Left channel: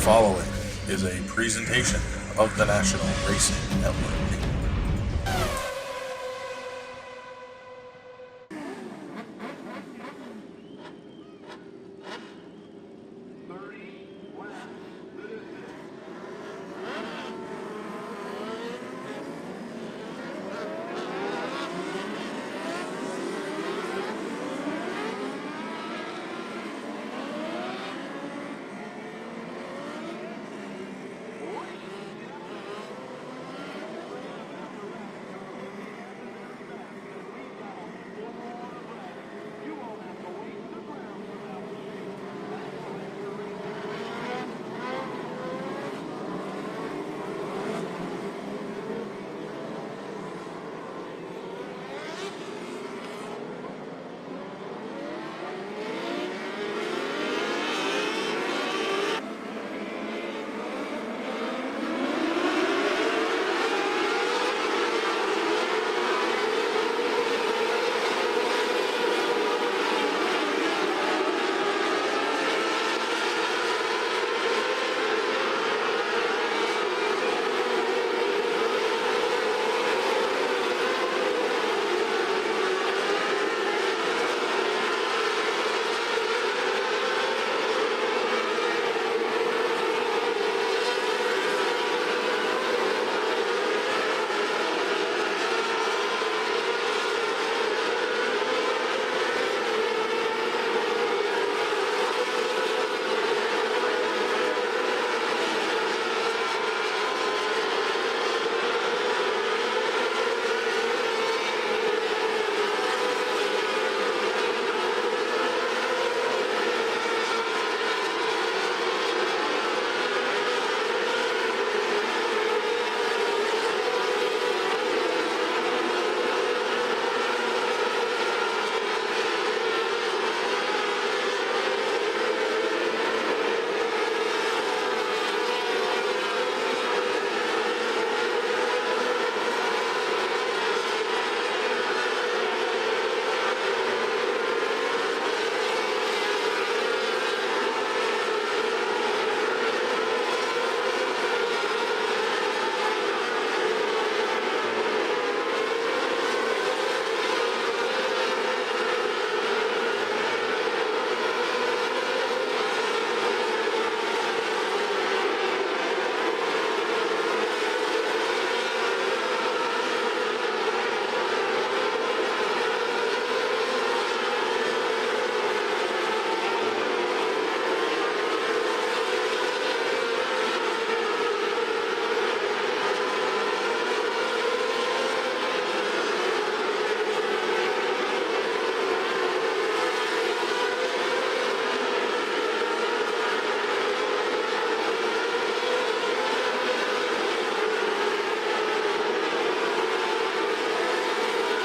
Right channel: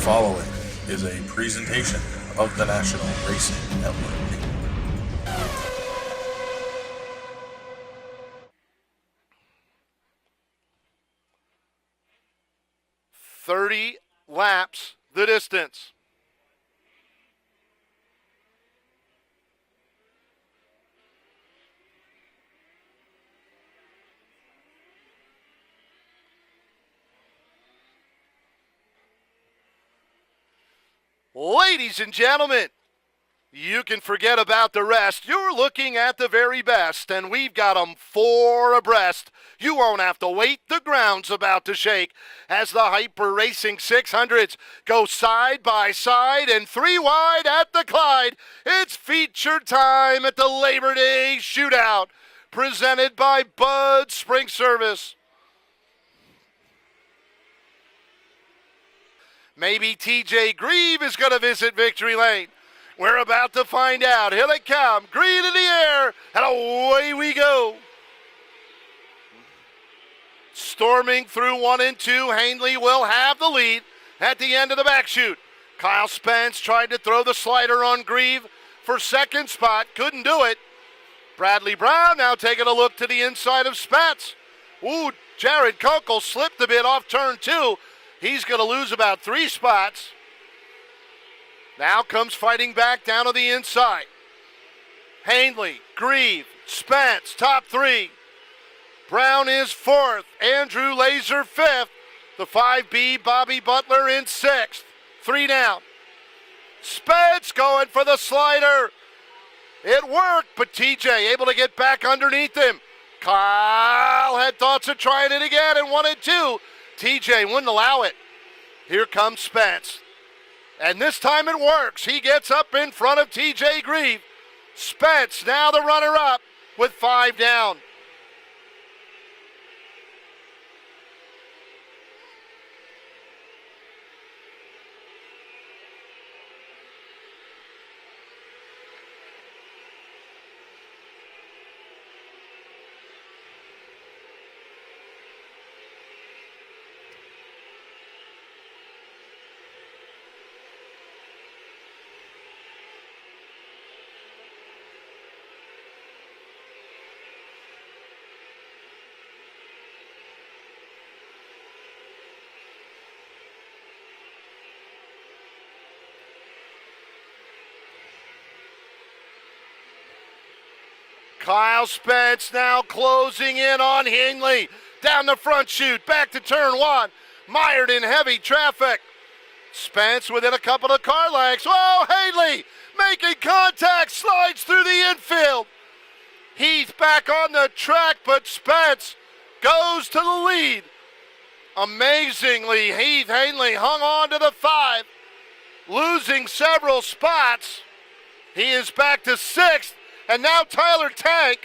following is a presentation of the National Racing Network. Laps the distance. Ladies and gentlemen, you can forget about the rest. You're looking at the very best, and we've got them 4 abreast. You won't have to wait. The ground's about to shake as the Hyper Racing 600s go side by side and 3 wide at the Clyde. It's feature time at the Labor Day Shootout, presented by Bud Spring Service. Maybe TJ Grieve is going to visit Victory Lane. We're about to find out. Here they come. Green in the air, and away we go. Storming through 1 and 2, Hangley will have the lead at the end of the back chute. Kyle Spence trying to throw the slider on Grieve for second spot. Couldn't do it. Bradley Brown now taking a look to the inside of Spence. Ooh, Jared Kunkel slipped a bit off turn 2. He's going to lose about 3 spots. Now comes fighting back down to the inside. Hangley, Grieve, Spence, top 3. Brown is 4th. Andrew Laser 5th. The 5B, Bobby Butler in 6th. 3 down. Spence going for the slider. It worked, but TJ able to get back underneath him. Kyle had thoughts of trying it again and 1 and 2. TJ wouldn't allow it. Here comes Spence. And this time it works. He gets up in front of TJ Grieve. Spence now the runner-up with 5 down. Kyle Spence now closing in on Hingley. Down the front chute, back to turn 1. Mired in heavy traffic. Spence within a couple of car lengths. Whoa, Hingley making contact, slides through the infield. He's back on the track, but Spence goes to the lead. Amazingly, Heath Hanley hung on to the 5, losing several spots. He is back to 6th. And now Tyler Tank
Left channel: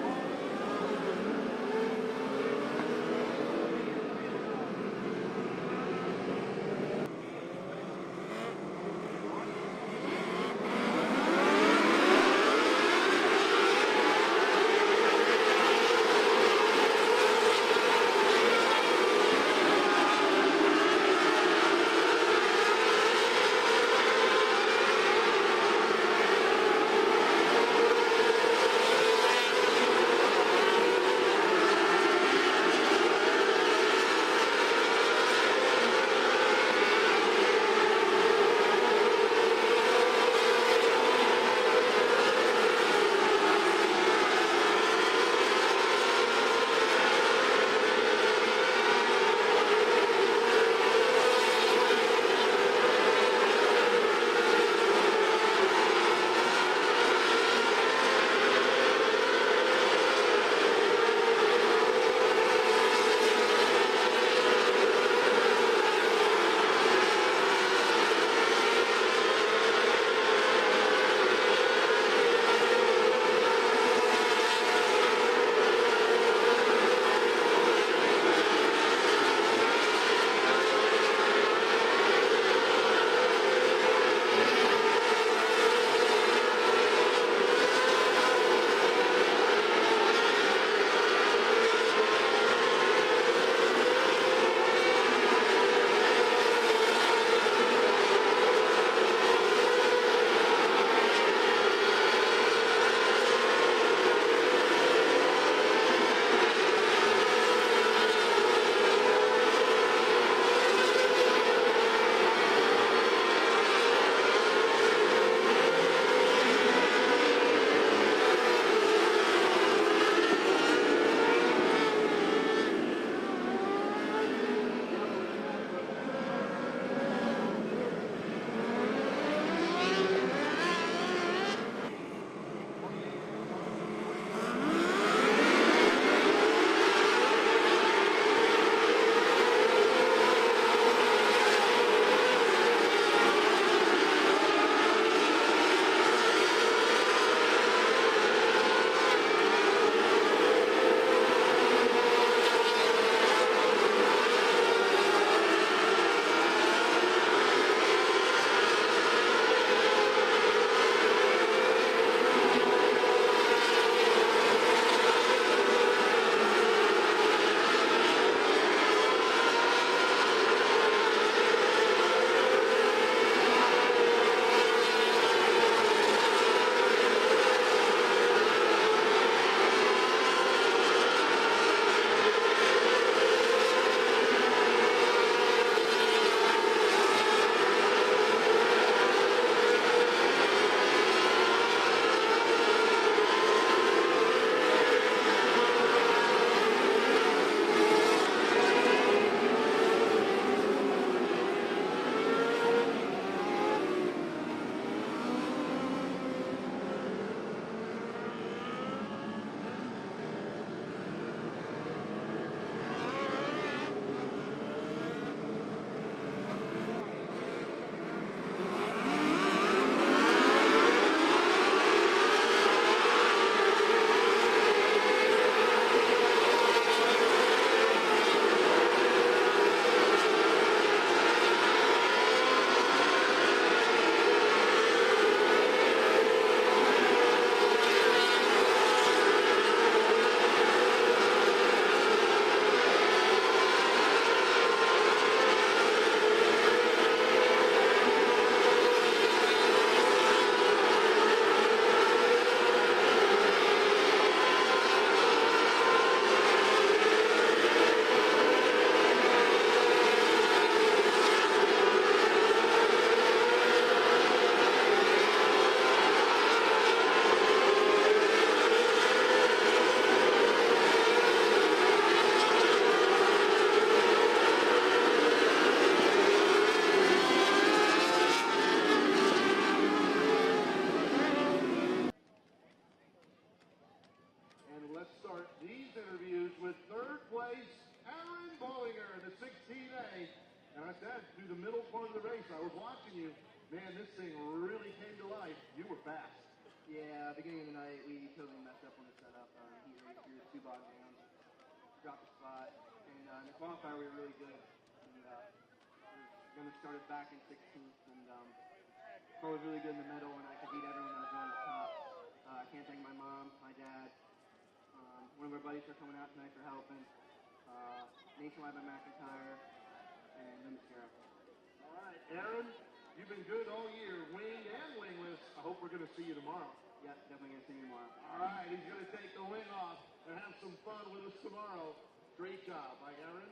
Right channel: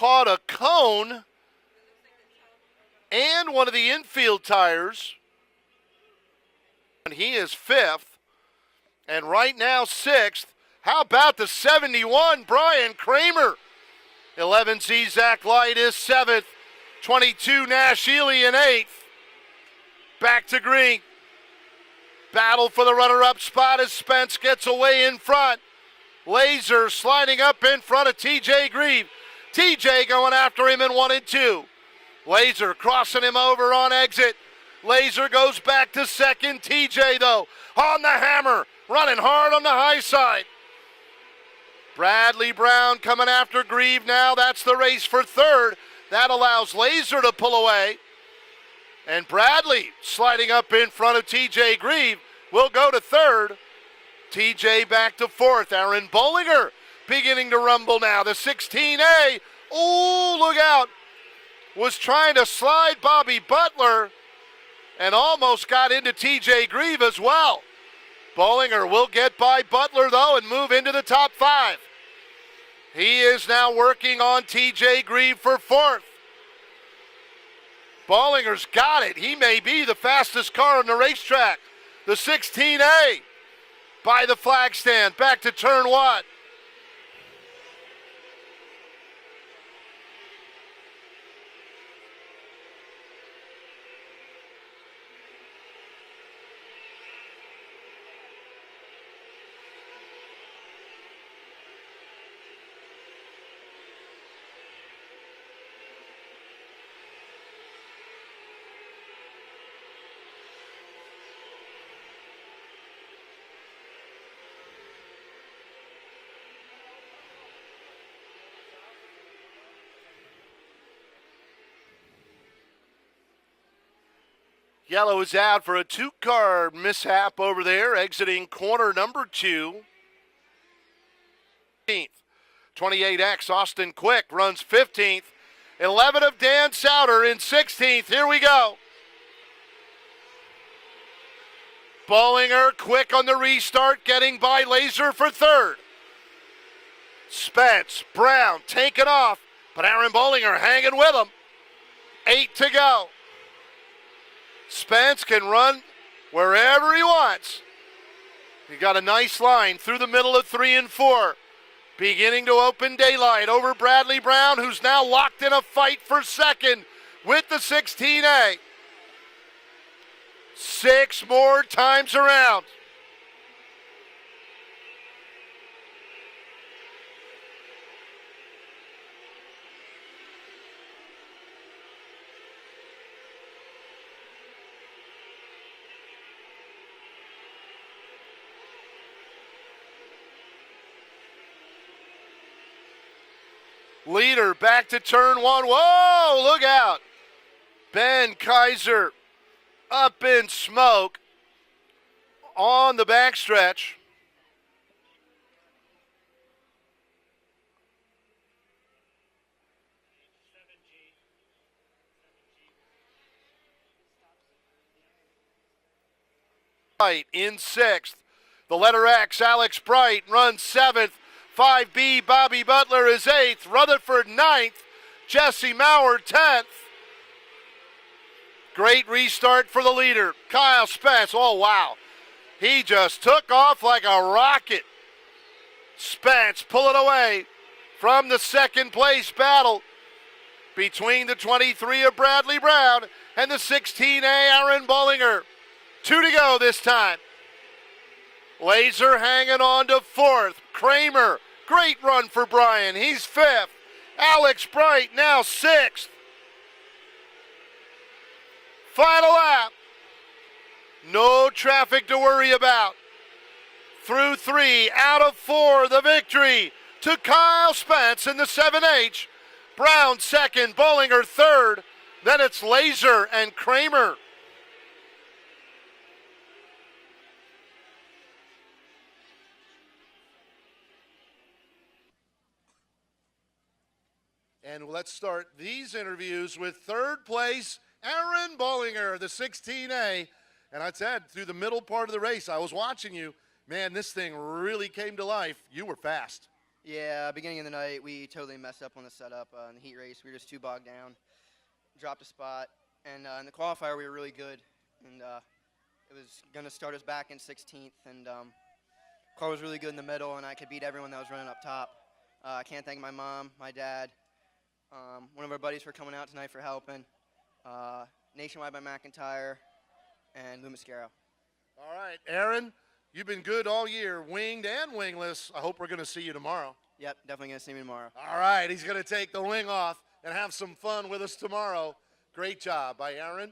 caught a cone and one of the infield tires. And he is 5th. And right now 6th. How about the 71, Brian Kramer? 11C Zach Light is 7th. 22 Nash Ely in 8th. Back to green. Battle for the runner-up spot as Spence gets away in front. Laser sliding up in front of TJ Grieve. TJ going after him in 1 and 2. Laser crossing him over on exit. Laser goes back to 2nd. TJ though on the hammer, running hard on the high side. Bradley Brown coming after Grieve now. That's the race for 3rd. That allows Laser to pull away. And Bradley sliding up in front of TJ Grieve will go to 3rd. TJ back to 4th. Aaron Bollinger beginning to rumble now. The 16A. Ooh, look out. Was trying to slide Bobby Butler and almost got into TJ Grieve as well. Bollinger will get by Butler though and move into the top 5. He is now working on TJ Grieve for 4th. Bollinger's got it. He may be the fastest car on the racetrack. The 16A by the flag stand. Back to turn 1. Yellow is out for a 2-car mishap over there, exiting corner number 2. 28X Austin Quick runs 15th. 11 of Dan Souter in 16th. Here we go. Bollinger quick on the restart, getting by Laser for 3rd. Spence, Brown taking off, but Aaron Bollinger hanging with him. 8 to go. Spence can run wherever he wants. Got a nice line through the middle of 3 and 4. Beginning to open daylight over Bradley Brown, who's now locked in a fight for 2nd with the 16A. 6 more times around. Leader back to turn 1. Whoa, look out. Then Kaiser up in smoke on the backstretch. In 6th. The letter X, Alex Bright, runs 7th. 5B, Bobby Butler is 8th. Rutherford 9th. Jesse Maurer 10th. Great restart for the leader, Kyle Spence. Oh, wow. He just took off like a rocket. Spence pulling away from the 2nd place battle between the 23 of Bradley Brown and the 16A Aaron Bollinger. 2 to go this time. Laser hanging on to 4th. Kramer, great run for Brian. He's 5th. Alex Bright now 6th. Final lap. No traffic to worry about. Through 3, out of 4, the victory to Kyle Spence in the 7H. Brown 2nd, Bollinger 3rd. Then it's Laser and Kramer. And let's start these interviews with 3rd place, Aaron Bollinger, the 16A. And I said, through the middle part of the race, I was watching you. Man, this thing really came to life. You were fast. Yeah, beginning of the night, we totally messed up on the setup. In the heat race, we were just too bogged down. Dropped a spot. And in the qualifier, we were really good. And it was going to start us back in 16th. And car was really good in the middle, and I could beat everyone that was running up top. I can't thank my mom, my dad, one of our buddies for coming out tonight for helping. Nationwide by McIntyre, and Lou Mascaro. All right, Aaron, you've been good all year, winged and wingless. I hope we're going to see you tomorrow. Yep, definitely going to see me tomorrow. All right, he's going to take the wing off and have some fun with us tomorrow. Great job by Aaron.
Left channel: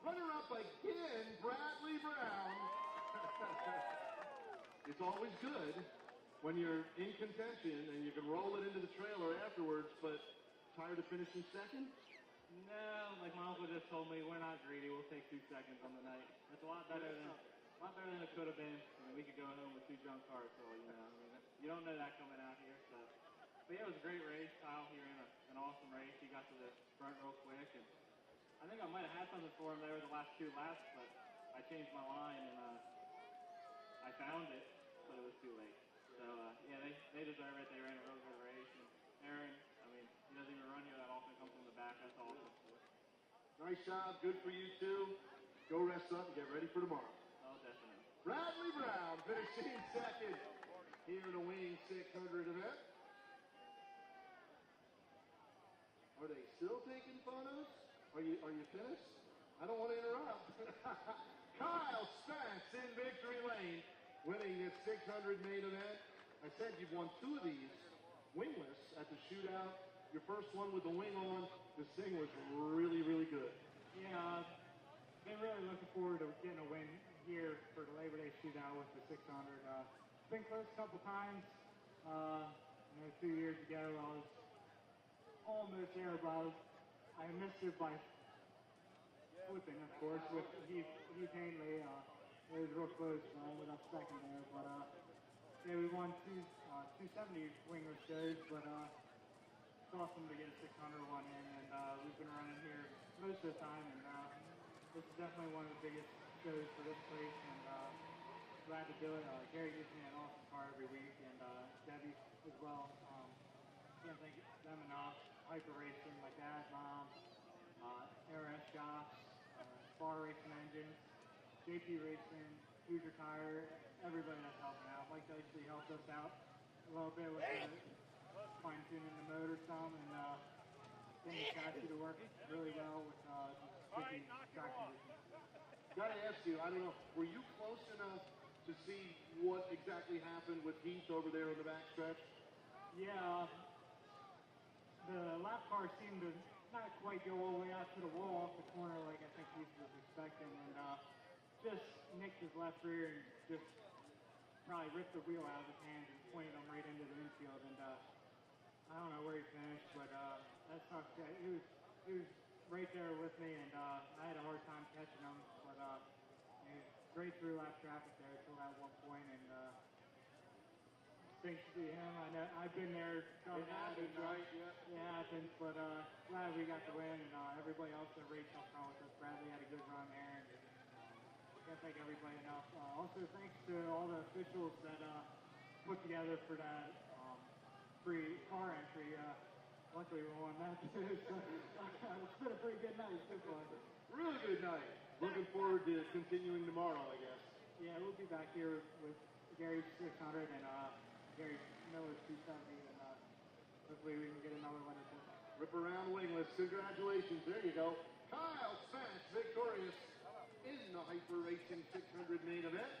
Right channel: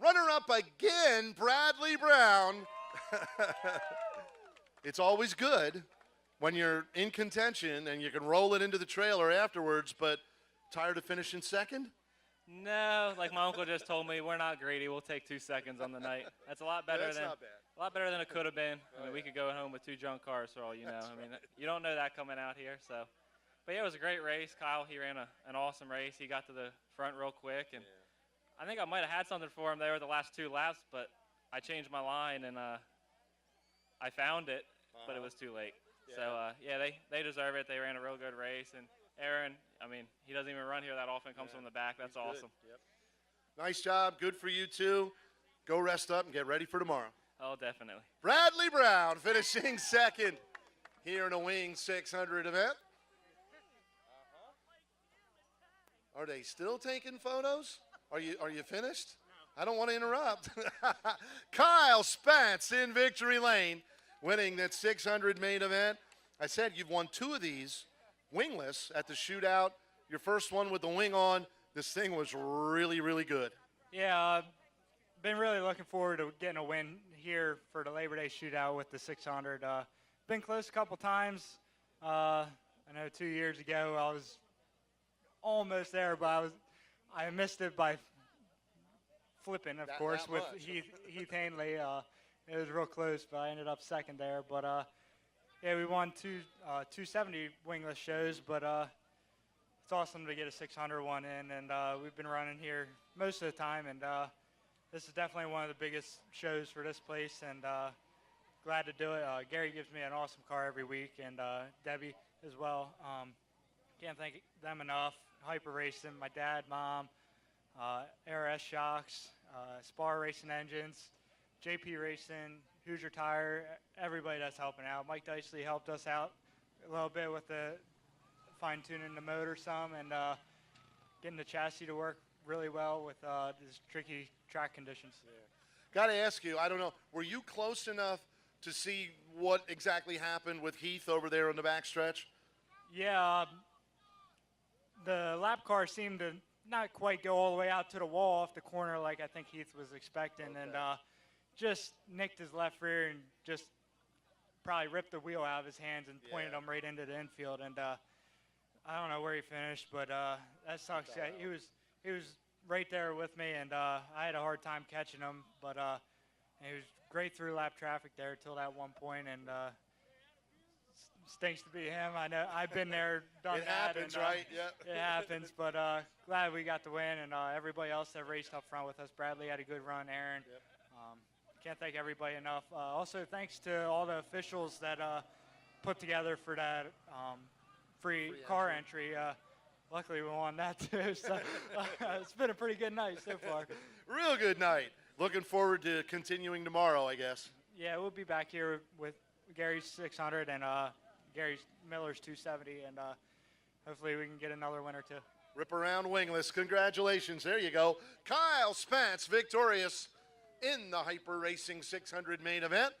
Runner-up again, Bradley Brown. It's always good when you're in contention and you can roll it into the trailer afterwards, but tired of finishing 2nd? No, like my uncle just told me, we're not greedy. We'll take 2 seconds on the night. That's a lot better That's not bad. a lot better than it could have been. I mean, we could go home with 2 junk cars for all you know. I mean, you don't know that coming out here. So, but yeah, it was a great race. Kyle, he ran an awesome race. He got to the front real quick, and I think I might have had something for him there the last 2 laps, but I changed my line and I found it, but it was too late. Yeah. So yeah, they deserve it. They ran a real good race, and Aaron, I mean, he doesn't even run here that often, comes from the back. That's awesome. Yep. Nice job. Good for you, too. Go rest up and get ready for tomorrow. Oh, definitely. Bradley Brown finishing 2nd here in a Wing 600 event. Are they still taking photos? Are you finished? I don't want to interrupt. Kyle Spence in victory lane, winning that 600 main event. I said you've won 2 of these wingless at the shootout. Your first one with the wing on. This thing was really, really good. Yeah, been really looking forward to getting a win here for the Labor Day shootout with the 600. Been close a couple times. I know 2 years ago I was almost there, but I missed it by flipping, of That course, with much. Heath Hanley. It was real close, but I ended up second there. But yeah, we won 270 wingless shows, but it's awesome to get a 600 one in, and we've been running here most of the time, and this is definitely one of the biggest shows for this place, and glad to do it. Gary gives me an awesome car every week, and Debbie as well. Can't thank them enough. Hyper Racing, my dad, mom, ARS Shocks, Spar Racing Engines, JP Racing, Hoosier Tire, everybody that's helping out. Mike Dicely helped us out a little bit with the fine-tuning the motor some and getting the chassis to work really well with these tricky track conditions. Got to ask you, I don't know, were you close enough to see what exactly happened with Heath over there on the backstretch? Yeah, the lap car seemed to not quite go all the way out to the wall off the corner like I think Heath was expecting, and just nicked his left rear and just probably ripped the wheel out of his hands and pointed him right into the infield. And I don't know where he finished, but that sucks. Yeah, he was right there with me, and I had a hard time catching him, but he was great through lap traffic there till that one point, and stinks to be him. I know I've been there, done It that. happens, and, right? Yeah. It happens, but glad we got the win, and everybody else that raced up front with us. Bradley had a good run, Aaron. Can't thank everybody enough. Also, thanks to all the officials that put together for that free car entry. Luckily, we won that too. So it's been a pretty good night so far. Real good night. Looking forward to continuing tomorrow, I guess. Yeah, we'll be back here with Gary's 600 and Gary Miller's 270, and hopefully we can get another winner too. Rip around wingless. Congratulations. There you go. Kyle Spence victorious in the Hyper Racing 600 main event.